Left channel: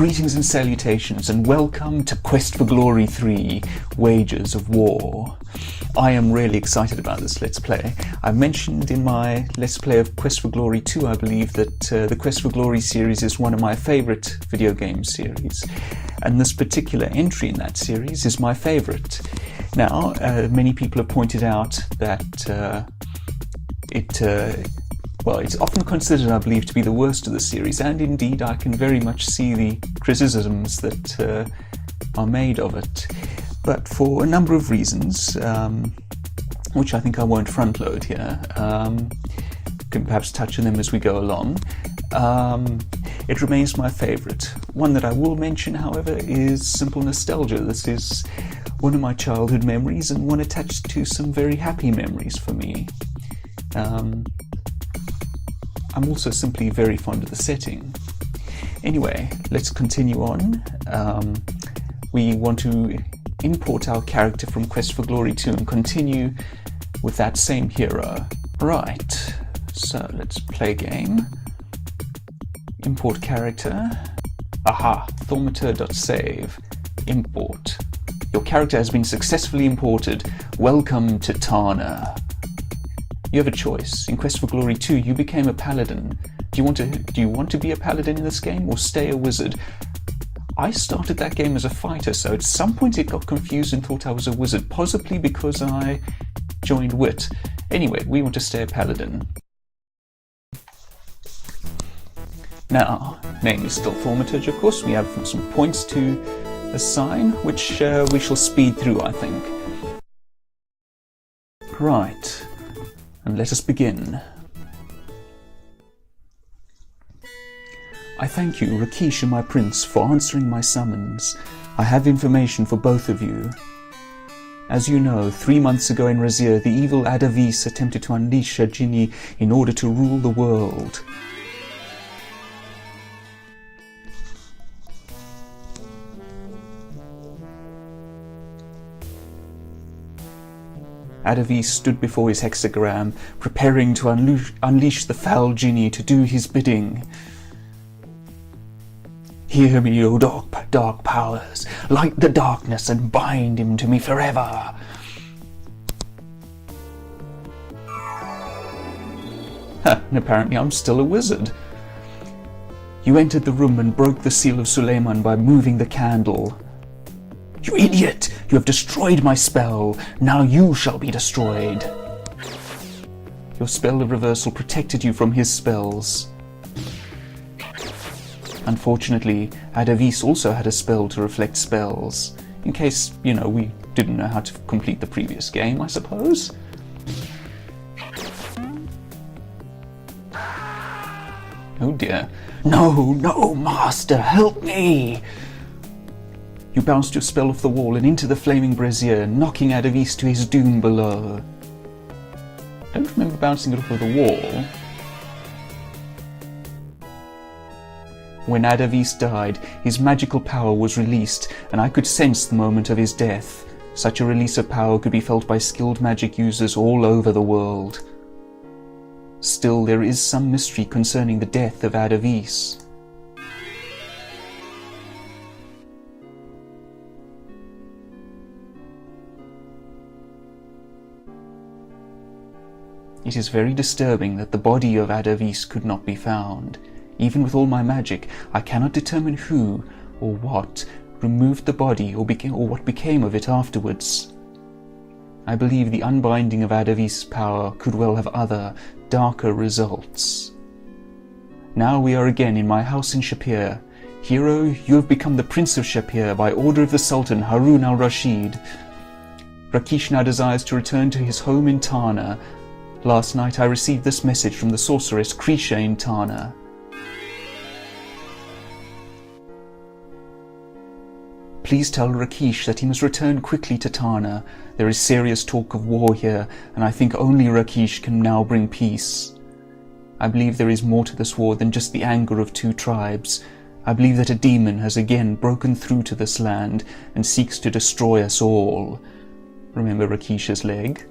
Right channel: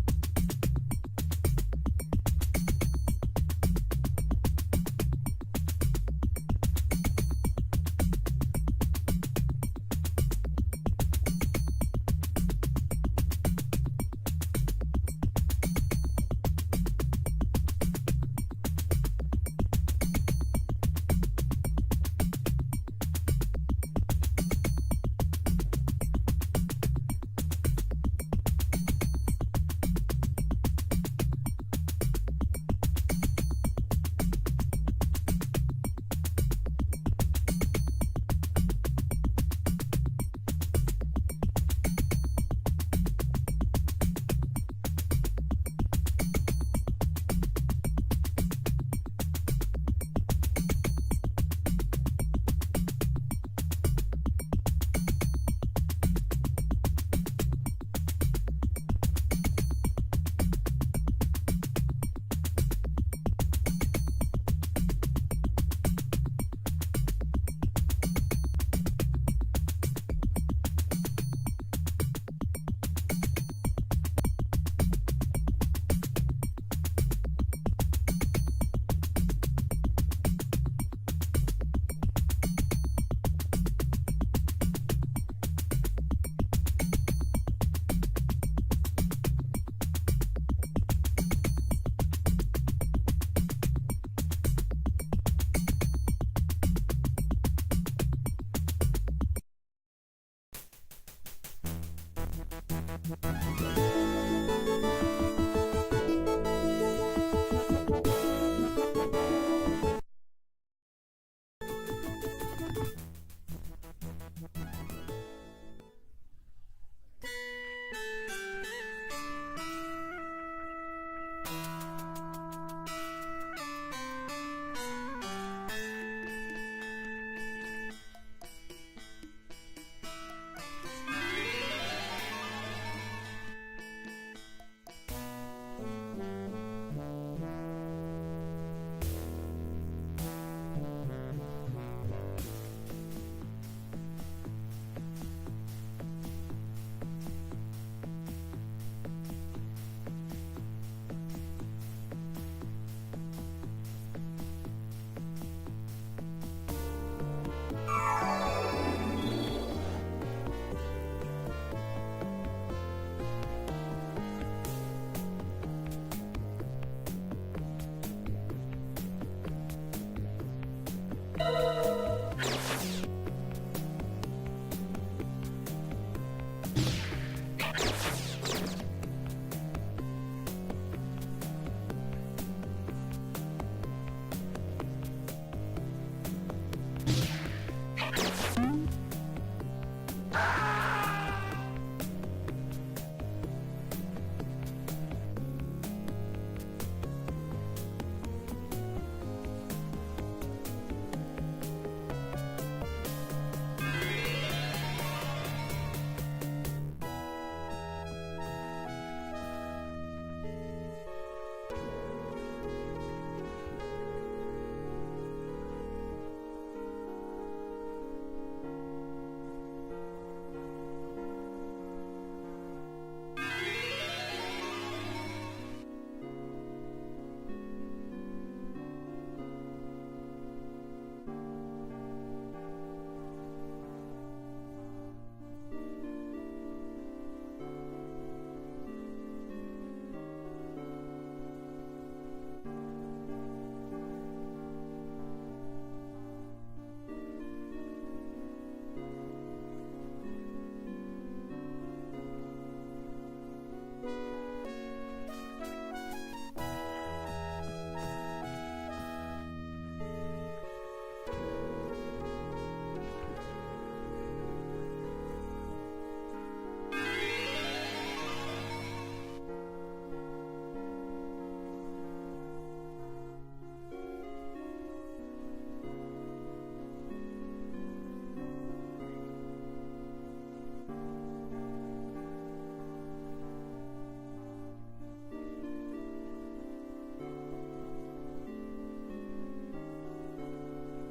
Greetings and salutations, and welcome to Quest for Glory 3, Wages of War. I am really excited about this Let's Play. I mentioned in my Let's Play of Quest for Glory 2, I believe, that the Quest for Glory series is one of my favourite video game series, and this particular entry in that series is my favourite. Now, many people have pointed out that it's often considered, I believe, to be the worst of the series, and indeed I can very much see the criticisms that are made of it. But for a number of reasons, which I think I won't front load here, can perhaps touch on them as we go along, it remains my favourite. One that I will mention, however, is simple nostalgia. This is one of my childhood memories, and one attached to some very happy memories for me. I'm also simply very fond of the setting. Anyway, let's continue on. We want to import our character from Quest for Glory 2 and continue with that same hero. Right, so let's play game. Import character. Aha, thaumaturge.save. Import. Your character has been successfully imported. Welcome to Tana. You have a choice. In Quest for Glory 2, you became a paladin. Do you want to be a paladin in this game, or stay a wizard? I started that game as a fighter, so at some point it got confused and thought I was a wizard, possibly because I joined Wit. Anyway, we want to stay a paladin. Now, name is still thaumaturge, of course. We have some points to assign, which we shall speed through, I think. Right. And let us begin. I thank you, Rakeesh and my prince, for answering my summons. I have information for both of you. As you know, 3 months ago in Razir, the evil Ad Avis attempted to unleash her genie in order to rule the world. Ad Avis stood before his hexagram, preparing to unleash the foul genie to do his bidding. Hear me, O dark powers, light the darkness and bind him to me forever. And apparently I'm still a wizard. You entered the room and broke the seal of Sultan by moving the candle. You idiot! You have destroyed my spell. Now you shall be destroyed. Your spell of reversal protected you from his spells. Unfortunately, Ad Avis also had a spell to reflect spells. In case, we didn't know how to complete the previous game, I suppose. Oh dear. No, master, help me! You bounced your spell off the wall and into the flaming brazier, knocking Ad Avis to his doom below. I don't remember bouncing it off of the wall. When Ad Avis died, his magical power was released, and I could sense the moment of his death. Such a release of power could be felt by skilled magic users all over the world. Still, there is some mystery concerning the death of Ad Avis. It is very disturbing that the body of Ad Avis could not be found. Even with all my magic, I cannot determine who or what removed the body or what became of it afterwards. I believe the unbinding of Ad Avis' power could well have other, darker results. Now we are again in my house in Shapeir. Hero, you have become the Prince of Shapeir by order of the Sultan Harun al-Rashid. Rakeesh now desires to return to his home in Tana. Last night I received this message from the sorceress Krisha in Tana. Please tell Rakeesh that he must return quickly to Tana. There is serious talk of war here, and I think only Rakeesh can now bring peace. I believe there is more to this war than just the anger of 2 tribes. I believe that a demon has again broken through to this land and seeks to destroy us all. Remember Rakeesh's leg?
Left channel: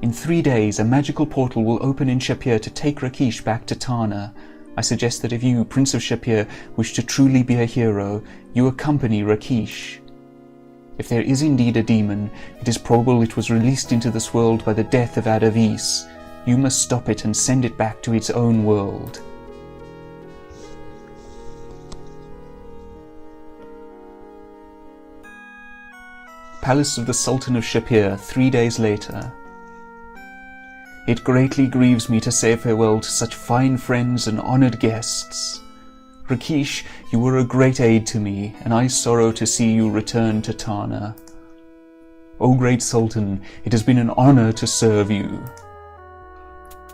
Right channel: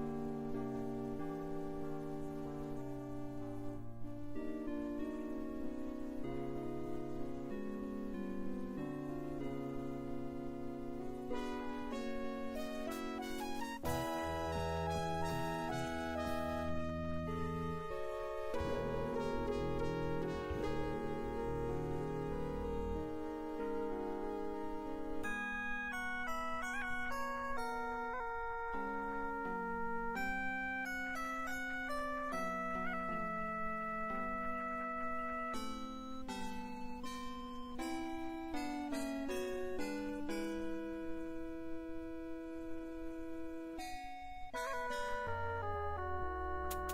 In 3 days, a magical portal will open in Shapeir to take Rakeesh back to Tana. I suggest that if you, Prince of Shapeir, wish to truly be a hero, you accompany Rakeesh. If there is indeed a demon, it is probable it was released into this world by the death of Ad Avis. You must stop it and send it back to its own world. Palace of the Sultan of Shapeir, 3 days later. It greatly grieves me to say farewell to such fine friends and honoured guests. Rakeesh, you were a great aid to me, and I sorrow to see you return to Tana. O great Sultan, it has been an honour to serve you.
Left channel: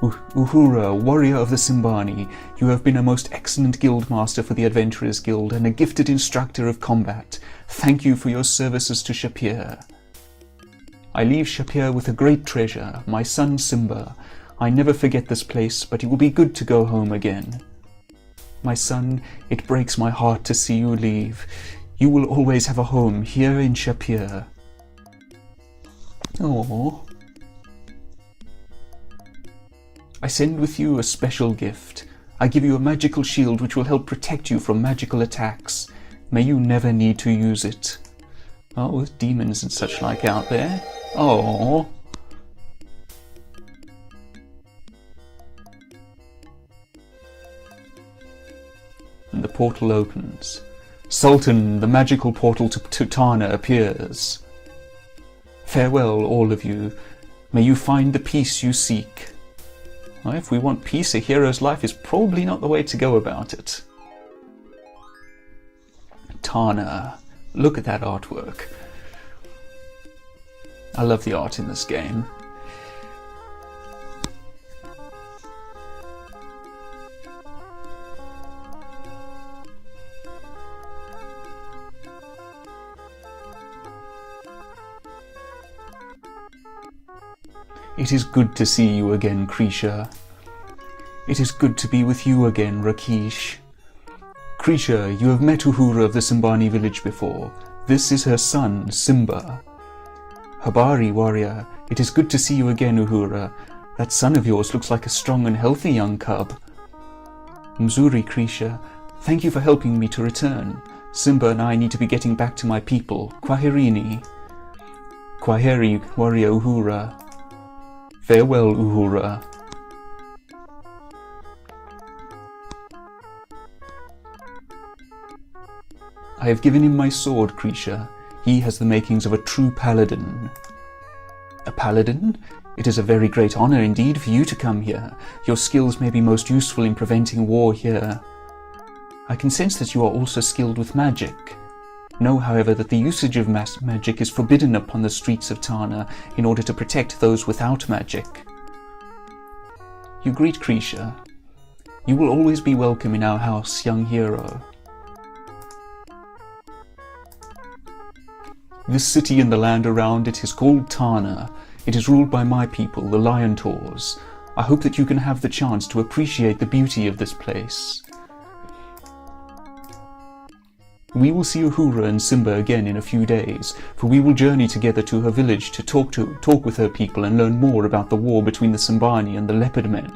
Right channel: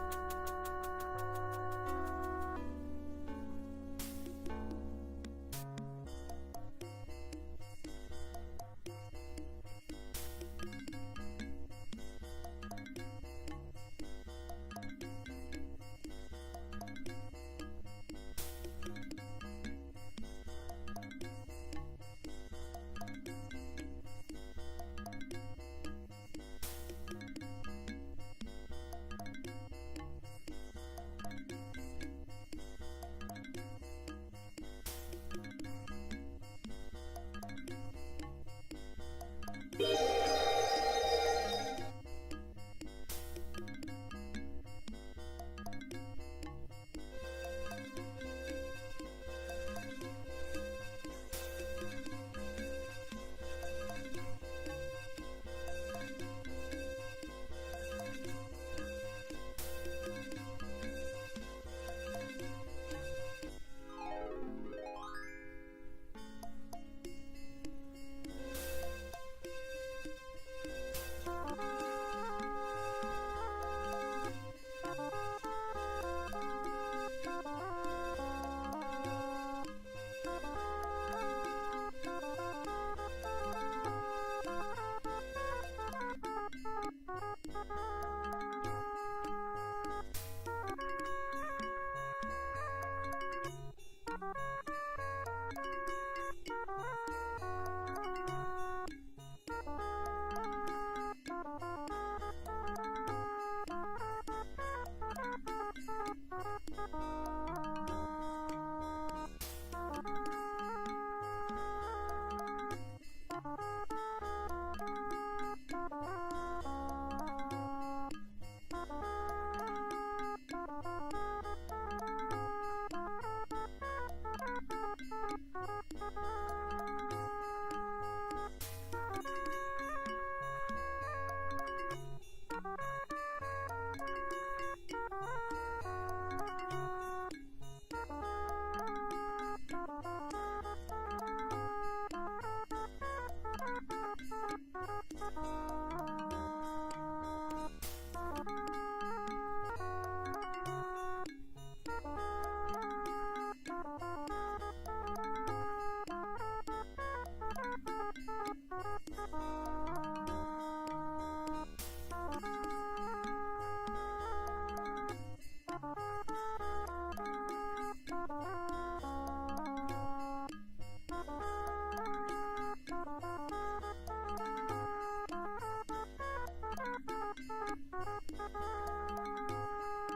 Uhura, warrior of the Simbani, you have been a most excellent guildmaster for the Adventurers Guild and a gifted instructor of combat. Thank you for your services to Shapeir. I leave Shapeir with a great treasure, my son Simba. I never forget this place, but it will be good to go home again. My son, it breaks my heart to see you leave. You will always have a home here in Shapeir. Aww. I send with you a special gift. I give you a magical shield which will help protect you from magical attacks. May you never need to use it. Oh, with demons and such like out there. Oh. And the portal opens. Sultan, the magical portal to Tana appears. Farewell, all of you. May you find the peace you seek. Well, if we want peace, a hero's life is probably not the way to go about it. Tana. Look at that artwork. I love the art in this game. It is good to see you again, Krisha. It is good to be with you again, Rakeesh. Krisha, you have met Uhura of the Simbani village before. This is her son, Simba. Habari, warrior, it is good to see you again, Uhura. That son of yours looks like a strong and healthy young cub. Mzuri, Krisha, thank you for helping me to return. Simba and I need to be getting back to my people. Kwaherini. Kwaheri, warrior Uhura. Farewell, Uhura. I have given him my sword, Krisha. He has the makings of a true paladin. A paladin? It is a very great honor indeed for you to come here. Your skills may be most useful in preventing war here. I can sense that you are also skilled with magic. Know, however, that the usage of magic is forbidden upon the streets of Tana in order to protect those without magic. You greet Krisha. You will always be welcome in our house, young hero. This city and the land around it is called Tana. It is ruled by my people, the Lion Taurs. I hope that you can have the chance to appreciate the beauty of this place. We will see Uhura and Simba again in a few days, for we will journey together to her village to talk with her people and learn more about the war between the Simbani and the Leopard Men.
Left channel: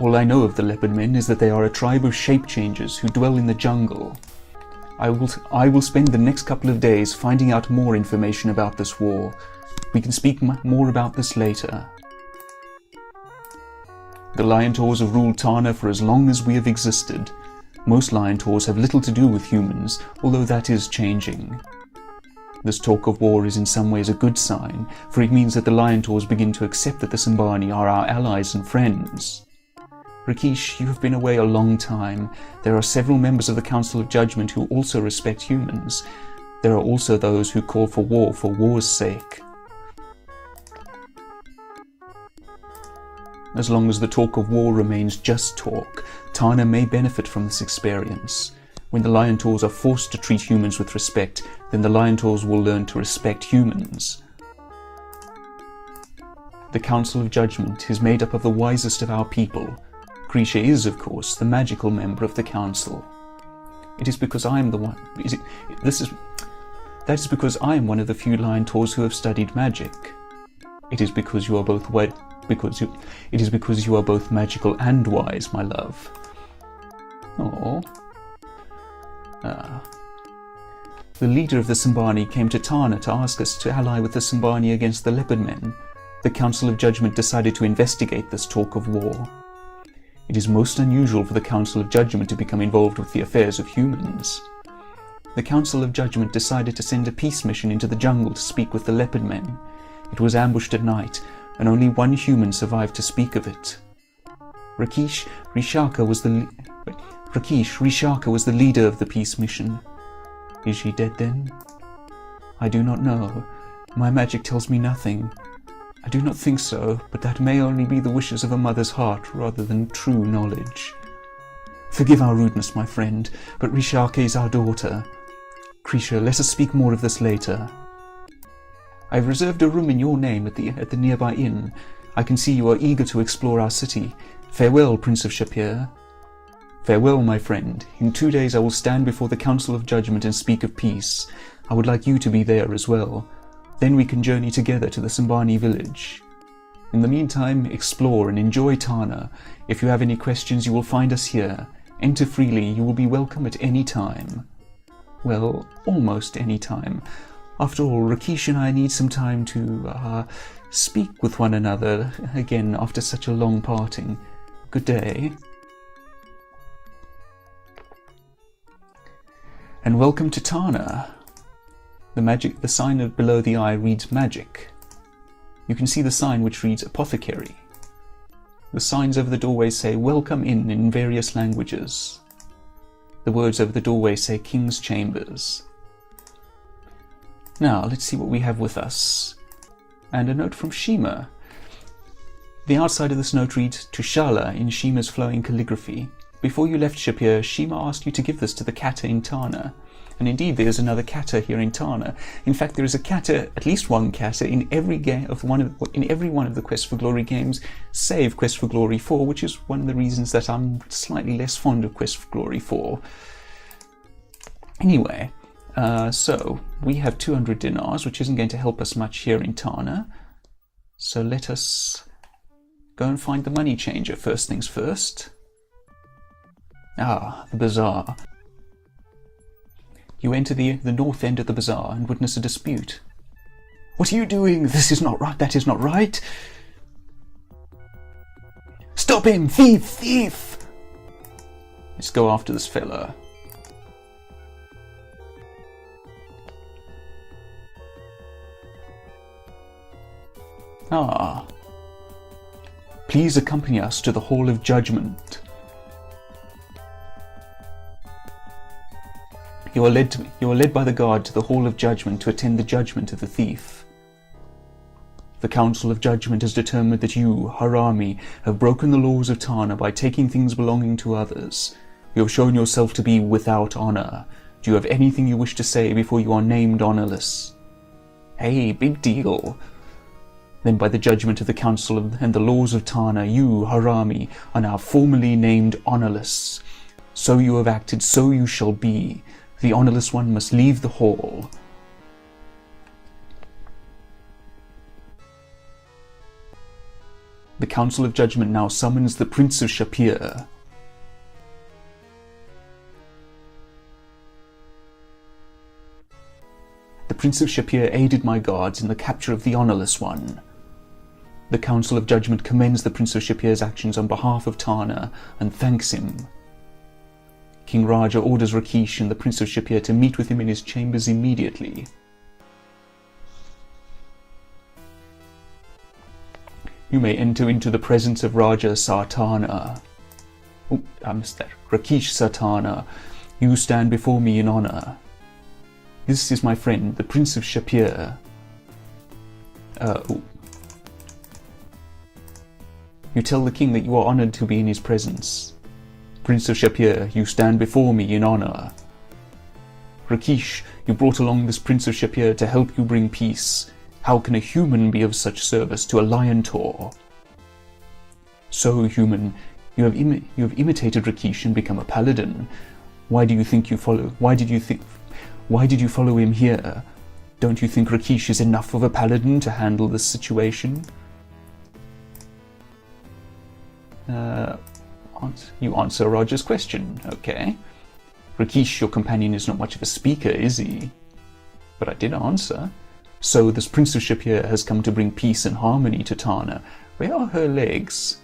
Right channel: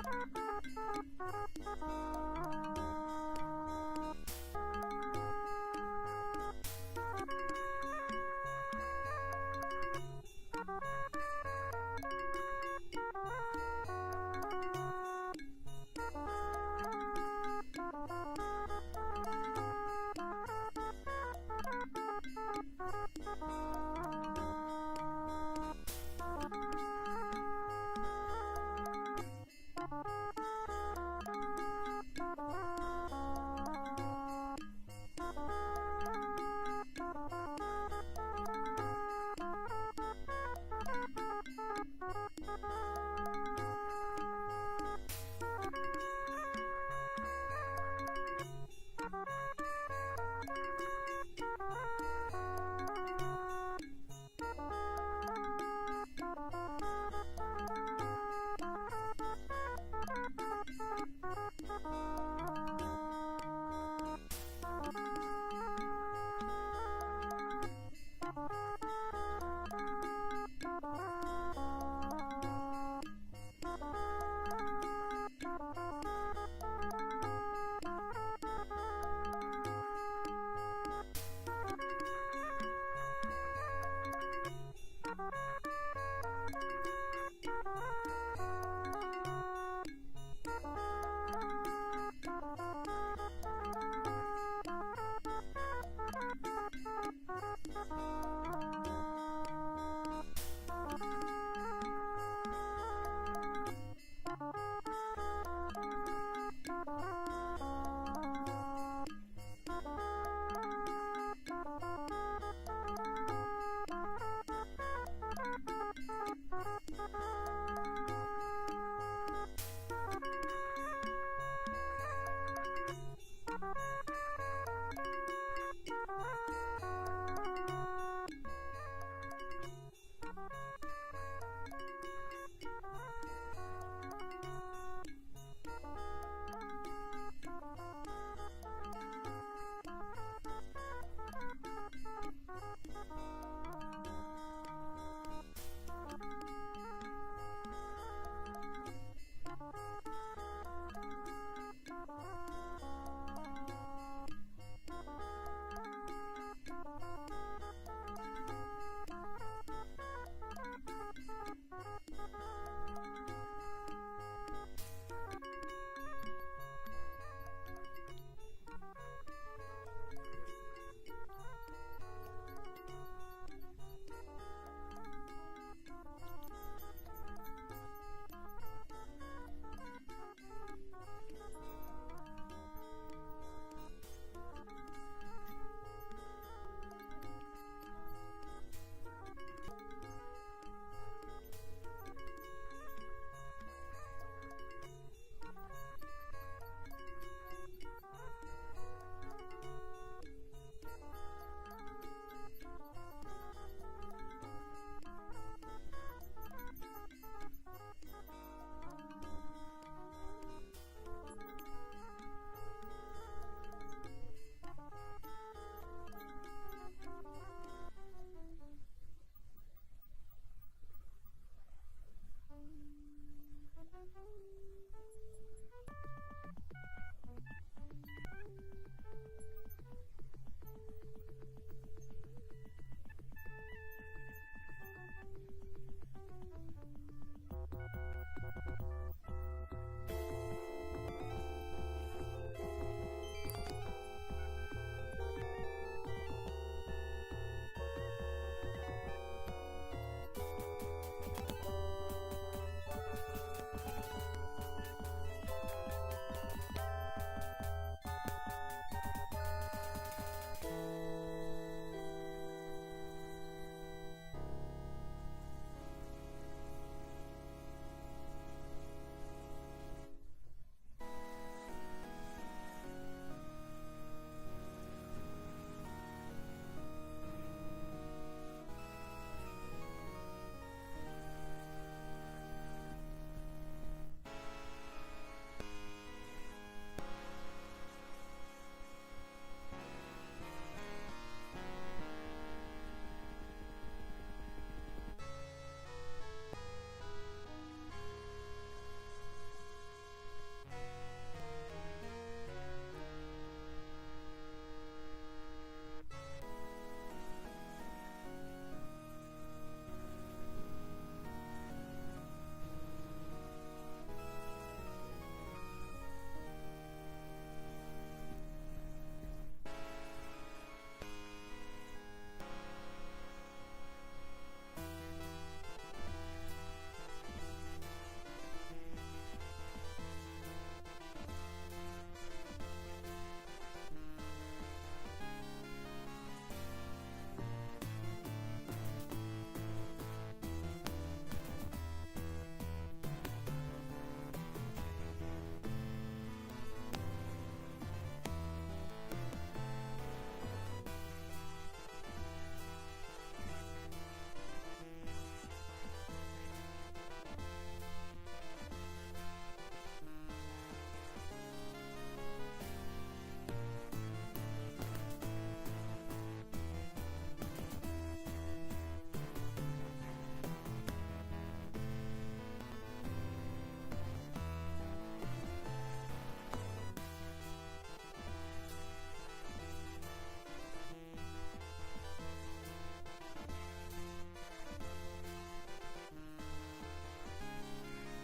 All I know of the Leopard Men is that they are a tribe of shape changers who dwell in the jungle. I will spend the next couple of days finding out more information about this war. We can speak more about this later. The Lion Taurs have ruled Tana for as long as we have existed. Most Lion Taurs have little to do with humans, although that is changing. This talk of war is in some ways a good sign, for it means that the Lion Taurs begin to accept that the Simbani are our allies and friends. Rakeesh, you have been away a long time. There are several members of the Council of Judgment who also respect humans. There are also those who call for war's sake. As long as the talk of war remains just talk, Tana may benefit from this experience. When the Lion Taurs are forced to treat humans with respect, then the Lion Taurs will learn to respect humans. The Council of Judgment is made up of the wisest of our people. Krisha is, of course, the magical member of the Council. It is because I am the one... That is because I am one of the few Lion Taurs who have studied magic. It is because you are both It is because you are both magical and wise, my love. Oh. The leader of the Sambani came to Tana to ask us to ally with the Sambani against the Leopard Men. The Council of Judgment decided to investigate this talk of war. It is most unusual for the Council of Judgment to become involved with the affairs of humans. The Council of Judgment decided to send a peace mission into the jungle to speak with the Leopard Men. It was ambushed at night, and only one human survived to speak of it. Rakeesh Rishaka was the leader of the peace mission. Is she dead then? I do not know. My magic tells me nothing. I do not think so, but that may only be the wishes of a mother's heart rather than true knowledge. Forgive our rudeness, my friend, but Rishaka is our daughter. Krisha, let us speak more of this later. I have reserved a room in your name at the nearby inn. I can see you are eager to explore our city. Farewell, Prince of Shapeir. Farewell, my friend. In 2 days I will stand before the Council of Judgment and speak of peace. I would like you to be there as well. Then we can journey together to the Sambani village. In the meantime, explore and enjoy Tana. If you have any questions, you will find us here. Enter freely, you will be welcome at any time. Well, almost any time. After all, Rakeesh and I need some time to speak with one another again after such a long parting. Good day. And welcome to Tana. The sign below the eye reads magic. You can see the sign which reads apothecary. The signs over the doorway say welcome in various languages. The words over the doorway say King's Chambers. Now, let's see what we have with us. And a note from Shima. The outside of this note reads, to Shala in Shima's flowing calligraphy. Before you left Shapeir, Shima asked you to give this to the kata in Tana. And indeed, there is another kata here in Tana. In fact, there is a kata, at least one kata, in every one of the Quest for Glory games, save Quest for Glory 4, which is one of the reasons that I'm slightly less fond of Quest for Glory 4. Anyway, so we have 200 dinars, which isn't going to help us much here in Tana. So let us go and find the money changer first things first. Ah, the bazaar. You enter the north end of the bazaar and witness a dispute. What are you doing? This is not right. That is not right. Stop him! Thief! Thief! Let's go after this fella. Ah. Please accompany us to the Hall of Judgment. You are led by the guard to the Hall of Judgment to attend the judgment of the thief. The Council of Judgment has determined that you, Harami, have broken the laws of Tana by taking things belonging to others. You have shown yourself to be without honor. Do you have anything you wish to say before you are named honorless? Hey, big deal. Then by the judgment of the Council and the laws of Tana, you, Harami, are now formally named honorless. So you have acted, so you shall be. The honorless one must leave the hall. The Council of Judgment now summons the Prince of Shapeir. The Prince of Shapeir aided my guards in the capture of the honorless one. The Council of Judgment commends the Prince of Shapeir's actions on behalf of Tana and thanks him. King Raja orders Rakeesh and the Prince of Shapeir to meet with him in his chambers immediately. You may enter into the presence of Raja Sartana. Oh, I missed that. Rakeesh Sartana, you stand before me in honor. This is my friend, the Prince of Shapeir. You tell the king that you are honored to be in his presence. Prince of Shapeir, you stand before me in honor. Rakeesh, you brought along this Prince of Shapeir to help you bring peace. How can a human be of such service to a lion taur? So, human, you have imitated Rakeesh and become a paladin. Why did you follow him here? Don't you think Rakeesh is enough of a paladin to handle this situation? You answer Roger's question, okay. Rakeesh, your companion, is not much of a speaker, is he? But I did answer. So this Prince of Shapeir has come to bring peace and harmony to Tana. Where are her legs?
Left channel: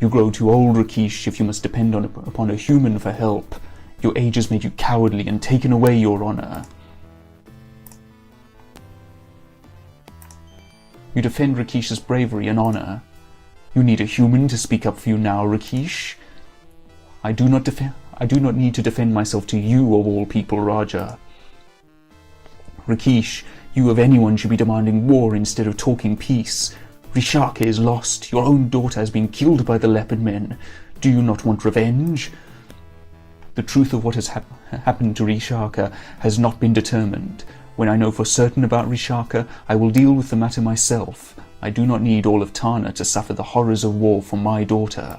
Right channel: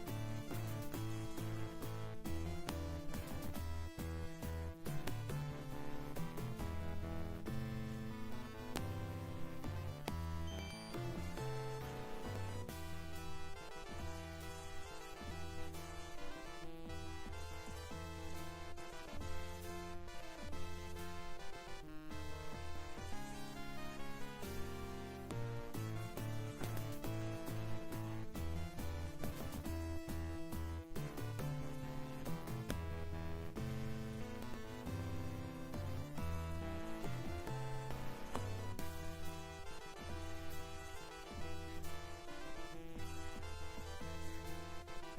You grow too old, Rakeesh, if you must depend upon a human for help. Your age has made you cowardly and taken away your honor. You defend Rakeesh's bravery and honor. You need a human to speak up for you now, Rakeesh. I do not need to defend myself to you, of all people, Raja. Rakeesh, you of anyone should be demanding war instead of talking peace. Rishaka is lost. Your own daughter has been killed by the leopard men. Do you not want revenge? The truth of what has happened to Rishaka has not been determined. When I know for certain about Rishaka, I will deal with the matter myself. I do not need all of Tana to suffer the horrors of war for my daughter.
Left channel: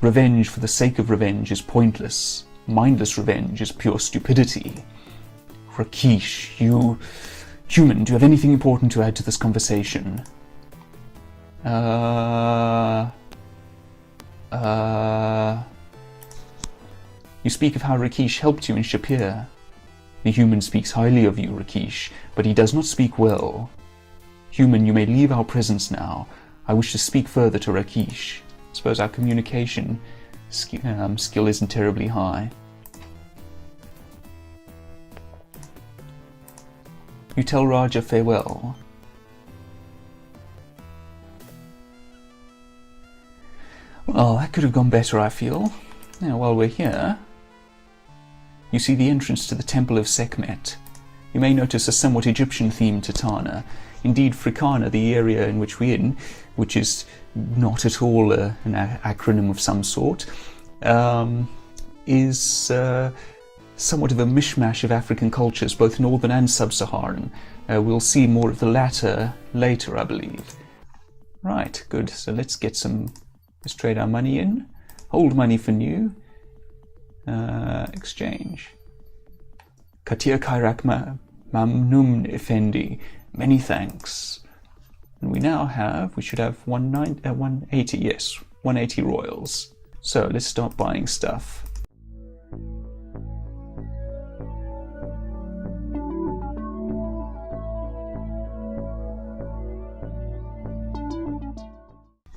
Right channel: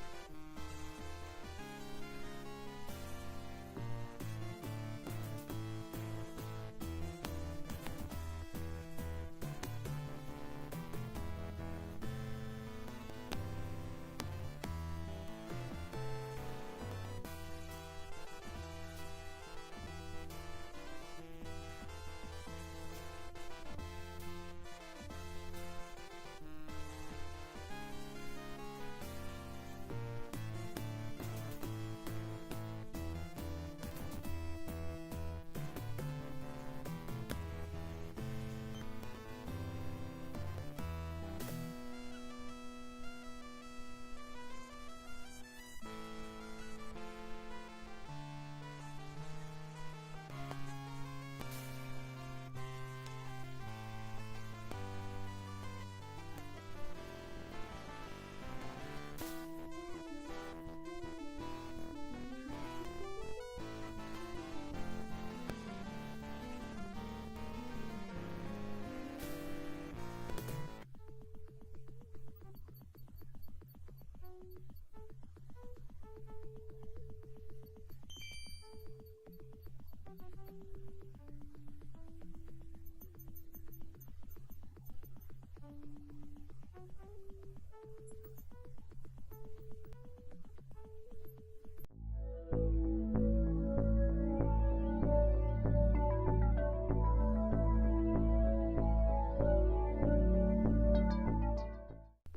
Revenge for the sake of revenge is pointless. Mindless revenge is pure stupidity. Rakeesh, you... Human, do you have anything important to add to this conversation? You speak of how Rakeesh helped you in Shapeir. The human speaks highly of you, Rakeesh, but he does not speak well. Human, you may leave our presence now. I wish to speak further to Rakeesh. I suppose our communication skill isn't terribly high. You tell Raja farewell. Well, that could have gone better, I feel. Now, while we're here, you see the entrance to the Temple of Sekhmet. You may notice a somewhat Egyptian theme to Tana. Indeed, Fricana, the area in which we're in, which is not at all an acronym of some sort, is somewhat of a mishmash of African cultures, both northern and sub-Saharan. We'll see more of the latter later, I believe. Right, good. So let's trade our money in. Hold money for new. Exchange. Katir Kairak Mamnun Effendi. Many thanks. And we should have 180, yes, 180 royals. So let's start buying stuff.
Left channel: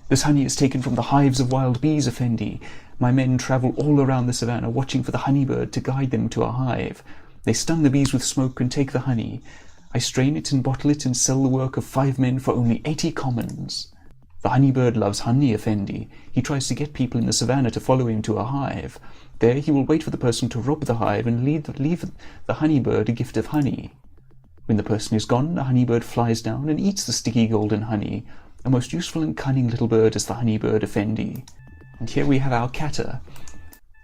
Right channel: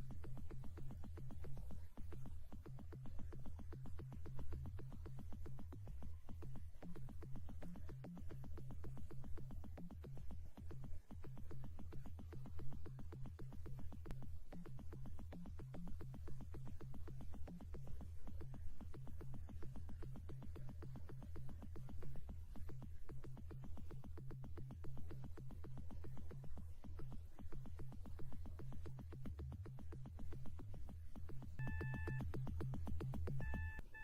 This honey is taken from the hives of wild bees, Effendi. My men travel all around the savannah, watching for the honeybird to guide them to a hive. They stun the bees with smoke and take the honey. I strain it and bottle it and sell the work of 5 men for only 80 commons. The honeybird loves honey, Effendi. He tries to get people in the savannah to follow him to a hive. There he will wait for the person to rob the hive and leave the honeybird a gift of honey. When the person is gone, the honeybird flies down and eats the sticky golden honey. A most useful and cunning little bird is the honeybird, Effendi. And here we have our catter.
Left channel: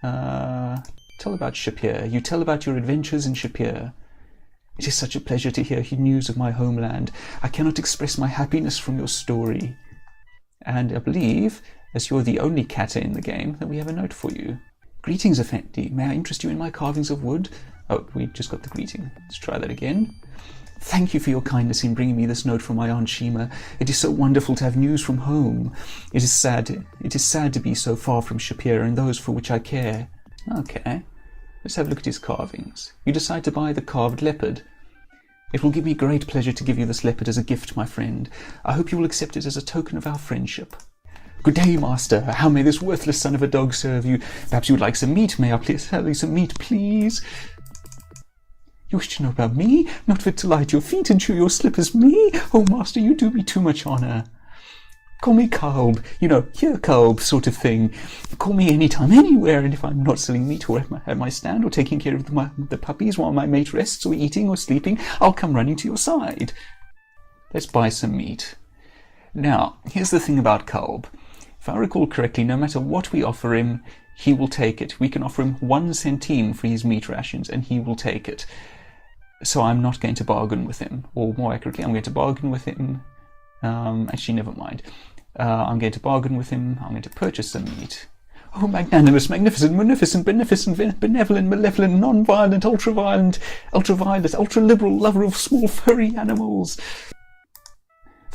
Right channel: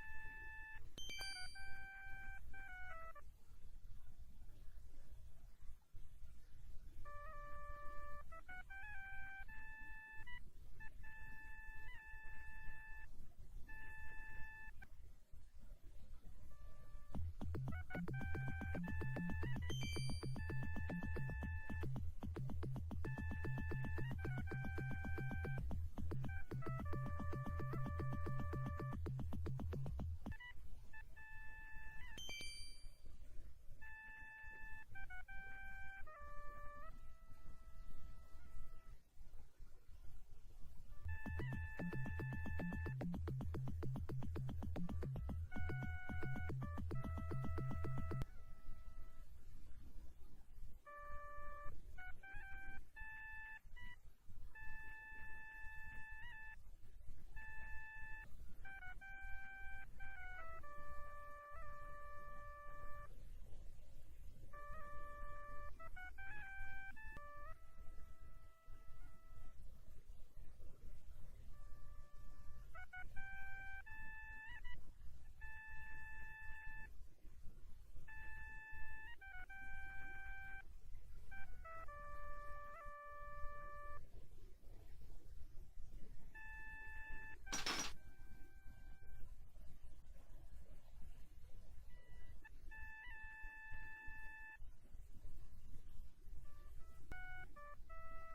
Tell about Shapeir. You tell about your adventures in Shapeir. It is such a pleasure to hear news of my homeland. I cannot express my happiness from your story. And I believe, as you're the only catter in the game, that we have a note for you. Greetings, Effendi. May I interest you in my carvings of wood? Oh, we just got the greeting. Let's try that again. Thank you for your kindness in bringing me this note from my Aunt Shima. It is so wonderful to have news from home. It is sad to be so far from Shapeir and those for which I care. Okay, let's have a look at his carvings. You decide to buy the carved leopard. It will give me great pleasure to give you this leopard as a gift, my friend. I hope you will accept it as a token of our friendship. Good day, master. How may this worthless son of a dog serve you? Perhaps you would like some meat. May I please have some meat, please? You wish to know about me? Not fit to lie at your feet and chew your slippers, me? Oh, master, you do me too much honour. Call me Kalb, here Kalb sort of thing. Call me anytime, anywhere, and if I'm not selling meat or at my stand or taking care of the puppies while my mate rests or eating or sleeping, I'll come running to your side. Let's buy some meat. Now, here's the thing about Kalb. If I recall correctly, no matter what we offer him, he will take it. We can offer him 1 centime for his meat rations, and he will take it. So I'm not going to bargain with him, or more accurately, I'm going to bargain with him. Actually, never mind. I'm going to bargain with him. I'm going to purchase some meat. Oh, magnanimous, magnificent, munificent, beneficent, benevolent, malevolent, non-violent, ultra-violent, ultra-violet, ultra-liberal, lover of small furry animals.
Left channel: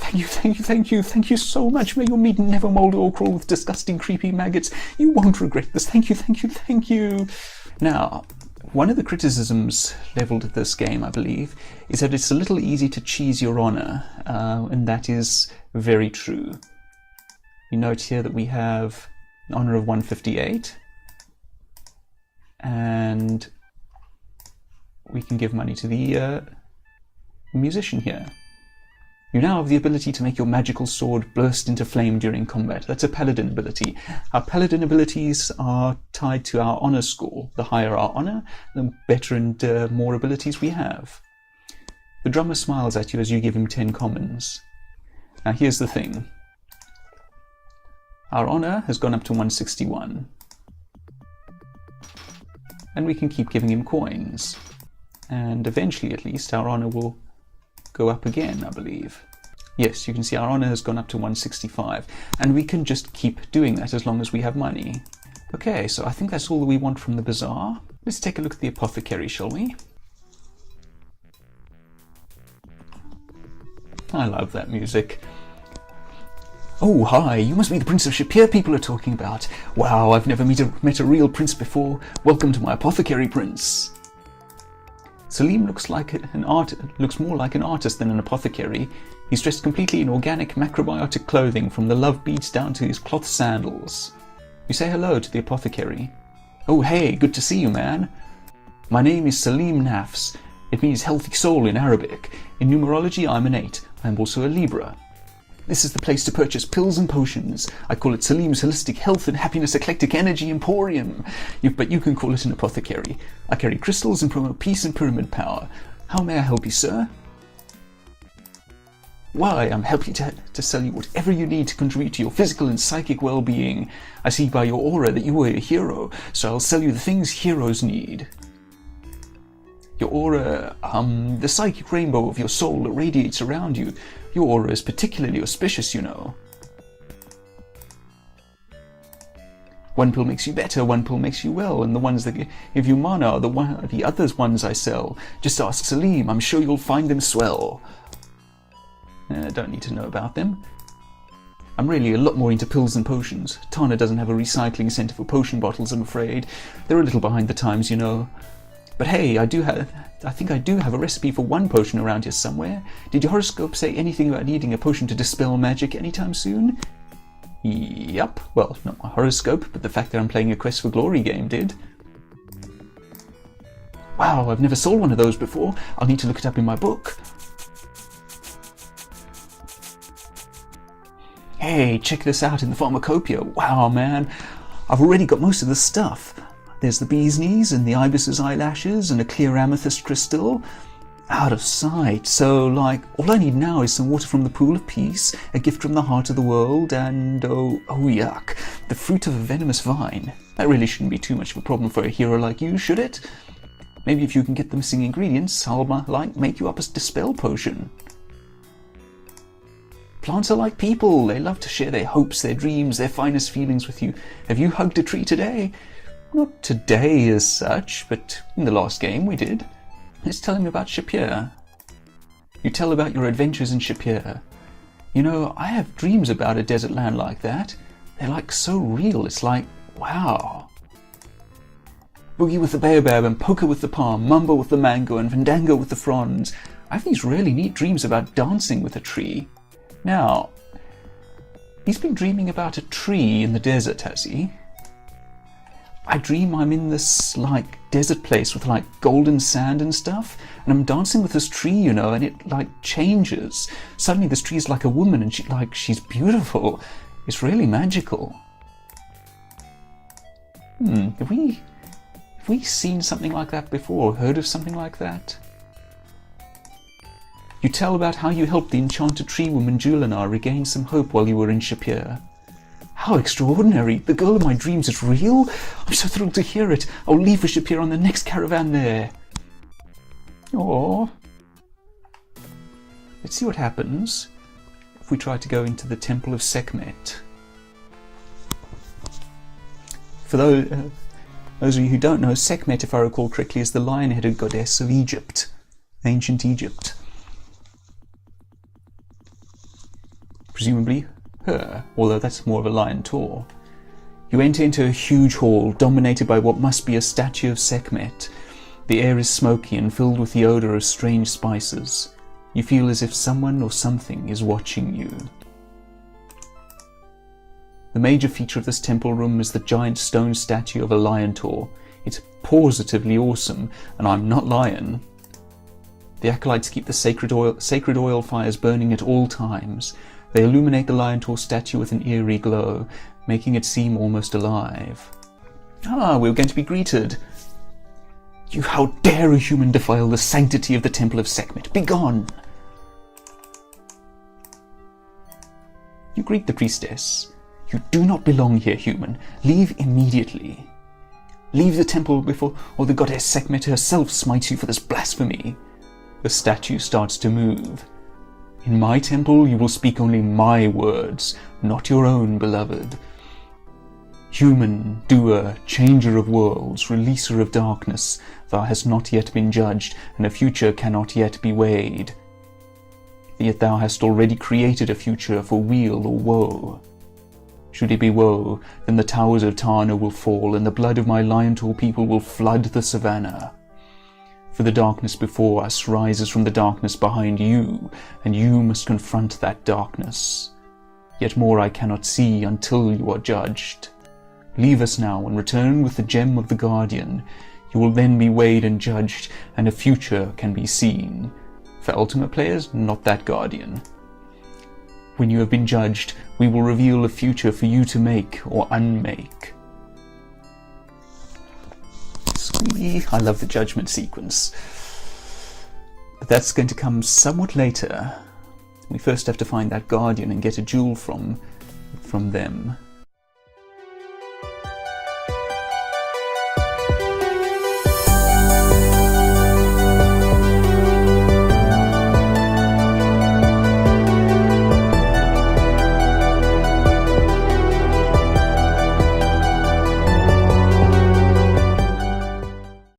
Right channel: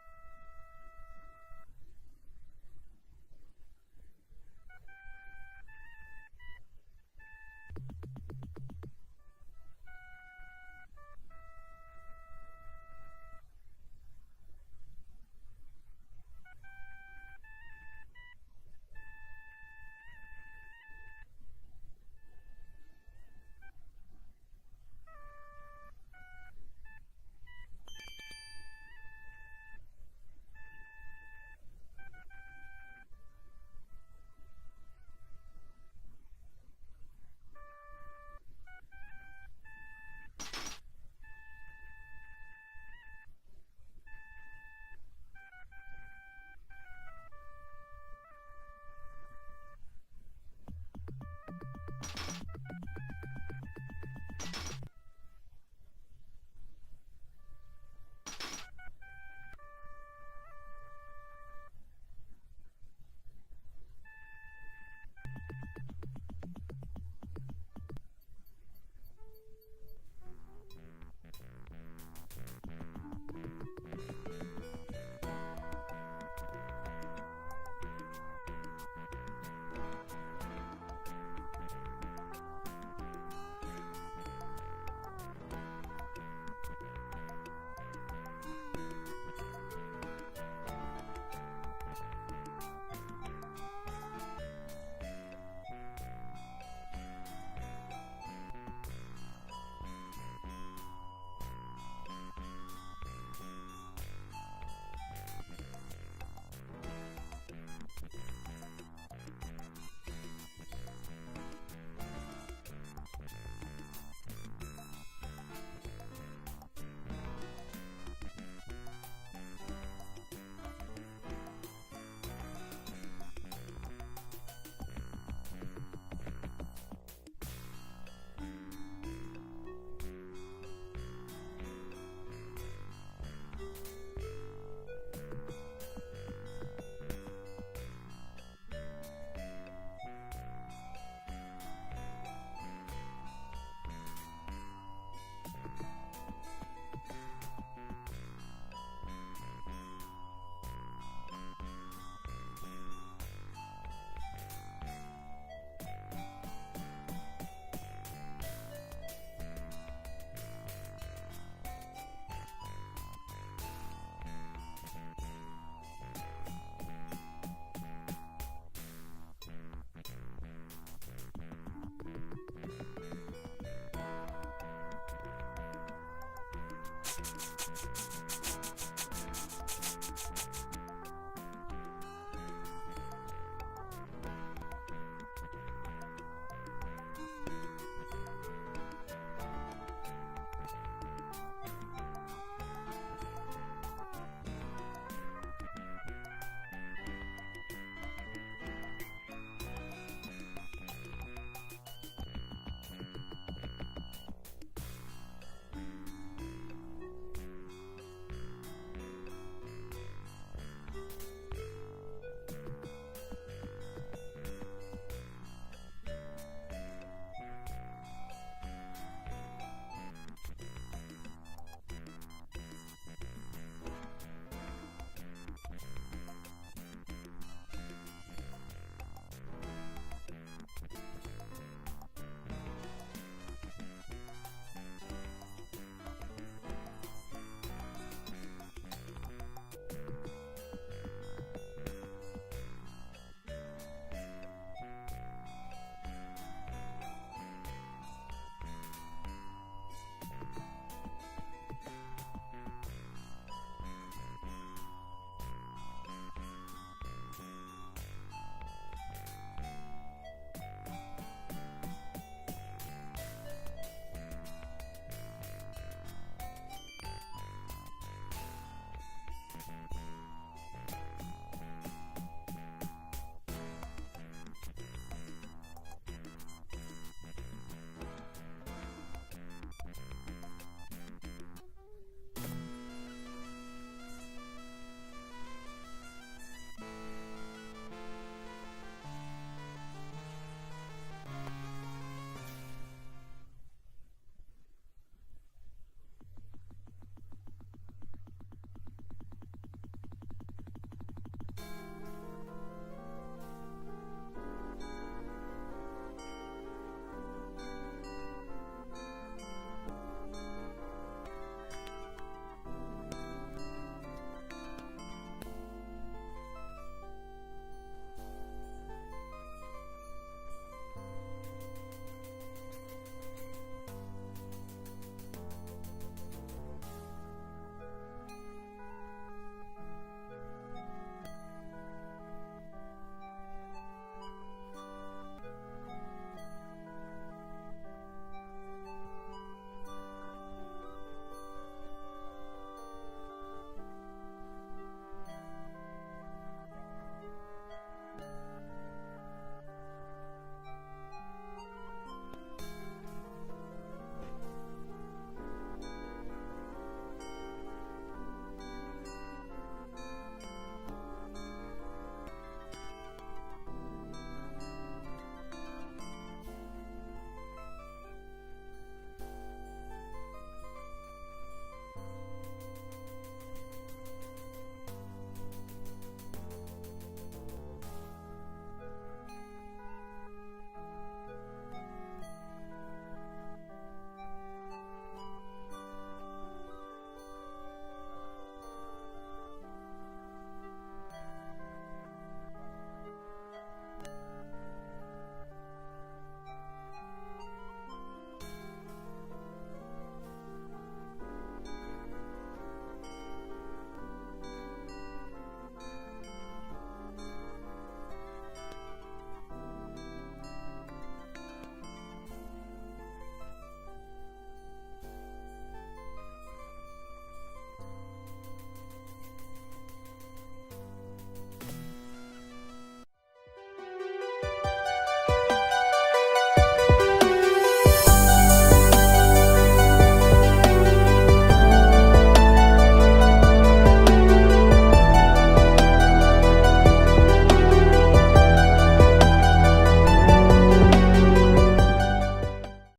Thank you, thank you, thank you, thank you so much. May your meat never mould or crawl with disgusting, creepy maggots. You won't regret this. Thank you, thank you, thank you. Now, one of the criticisms levelled at this game, I believe, is that it's a little easy to cheese your honour, and that is very true. You note here that we have an honour of 158, and we can give money to the musician here. You now have the ability to make your magical sword burst into flame during combat. That's a paladin ability. Our paladin abilities are tied to our honor score. The higher our honor, the better and more abilities we have. The drummer smiles at you as you give him 10 commons. Now here's the thing. Our honor has gone up to 161. And we can keep giving him coins. And eventually, at least, our honor will go up again, I believe. Yes, you can see our honor has gone up to 165, and we can just keep doing that as long as we have money. Okay, so I think that's all that we want from the bazaar. Let's take a look at the apothecary, shall we? I love that music. Oh, hi, you must be the Prince of Shapeir people are talking about. Wow, I've never met a real prince before. Welcome to my apothecary, prince. Salim looks more like an artist than an apothecary. He's dressed completely in organic macrobiotic clothing, from the love beads down to his cloth sandals. You say hello to the apothecary. Oh hey, good to see you, man. My name is Salim Nafs. It means healthy soul in Arabic. In numerology, I'm an 8. I'm also a Libra. This is the place to purchase pills and potions. I call it Salim's Holistic Health and Happiness Eclectic Energy Emporium. But you can call it an apothecary. I carry crystals and promote peace and pyramid power. How may I help you, sir? Why, I'm happy to sell you whatever you need to contribute to your physical and psychic well-being. I see by your aura that you are a hero, so I'll sell you the things heroes need. Your aura, the psychic rainbow of your soul radiates around you. Your aura is particularly auspicious, you know. One pill makes you better, one pill makes you well, and the ones that give you mana are the other ones I sell. Just ask Salim, I'm sure you'll find them swell. Don't need to know about them. I'm really a lot more into pills than potions. Tana doesn't have a recycling centre for potion bottles, I'm afraid. They're a little behind the times, you know. But hey, I think I do have a recipe for one potion around here somewhere. Did your horoscope say anything about needing a potion to dispel magic anytime soon? Yup. Well, not my horoscope, but the fact that I'm playing a Quest for Glory game did. Wow, I've never sold one of those before. I'll need to look it up in my book. Hey, check this out in the pharmacopoeia. Wow, man. I've already got most of the stuff. There's the bee's knees and the ibis's eyelashes and a clear amethyst crystal. Out of sight. So, like, all I need now is some water from the pool of peace, a gift from the heart of the world, and, oh yuck, the fruit of a venomous vine. That really shouldn't be too much of a problem for a hero like you, should it? Maybe if you can get the missing ingredients, I'll, make you up a dispel potion. Plants are like people. They love to share their hopes, their dreams, their finest feelings with you. Have you hugged a tree today? Not today as such, but in the last game we did. Let's tell him about Shapeir. You tell about your adventures in Shapeir. You know, I have dreams about a desert land like that. They're like so real, it's like, wow. Boogie with the baobab and poker with the palm, mumbo with the mango and fandango with the fronds. I have these really neat dreams about dancing with a tree. Now, he's been dreaming about a tree in the desert, has he? I dream I'm in this, like, desert place with, like, golden sand and stuff, and I'm dancing with this tree, you know, and it, like, changes. Suddenly this tree is like a woman, and she's beautiful. It's really magical. Have we seen something like that before, or heard of something like that? You tell about how you helped the enchanted tree woman Julana regain some hope while you were in Shapeir. How extraordinary! The girl of my dreams is real? I'm so thrilled to hear it. I'll leave for Shapeir on the next caravan there. Aww. Let's see what happens if we try to go into the Temple of Sekhmet. For those of you who don't know, Sekhmet, if I recall correctly, is the lion-headed goddess of Egypt, ancient Egypt. presumably her, although that's more of a lion tour. You enter into a huge hall dominated by what must be a statue of Sekhmet. The air is smoky and filled with the odour of strange spices. You feel as if someone or something is watching you. The major feature of this temple room is the giant stone statue of a lion taur. It's positively awesome, and I'm not lying. The acolytes keep the sacred oil fires burning at all times. They illuminate the lion taur statue with an eerie glow, making it seem almost alive. Ah, we're going to be greeted. You, how dare a human defile the sanctity of the temple of Sekhmet? Begone! You greet the priestess. You do not belong here, human. Leave immediately. Leave the temple before or the goddess Sekhmet herself smites you for this blasphemy. The statue starts to move. In my temple you will speak only my words, not your own, beloved. Human, doer, changer of worlds, releaser of darkness, thou hast not yet been judged, and a future cannot yet be weighed. Yet thou hast already created a future for weal or woe. Should it be woe, then the towers of Tana will fall, and the blood of my lion taur people will flood the savannah. For the darkness before us rises from the darkness behind you, and you must confront that darkness. Yet more I cannot see until you are judged. Leave us now and return with the gem of the Guardian. You will then be weighed and judged, and a future can be seen. For ultimate players, not that Guardian. When you have been judged, we will reveal a future for you to make or unmake. Sweet. I love the judgment sequence. But that's going to come somewhat later. We first have to find that Guardian and get a jewel from them.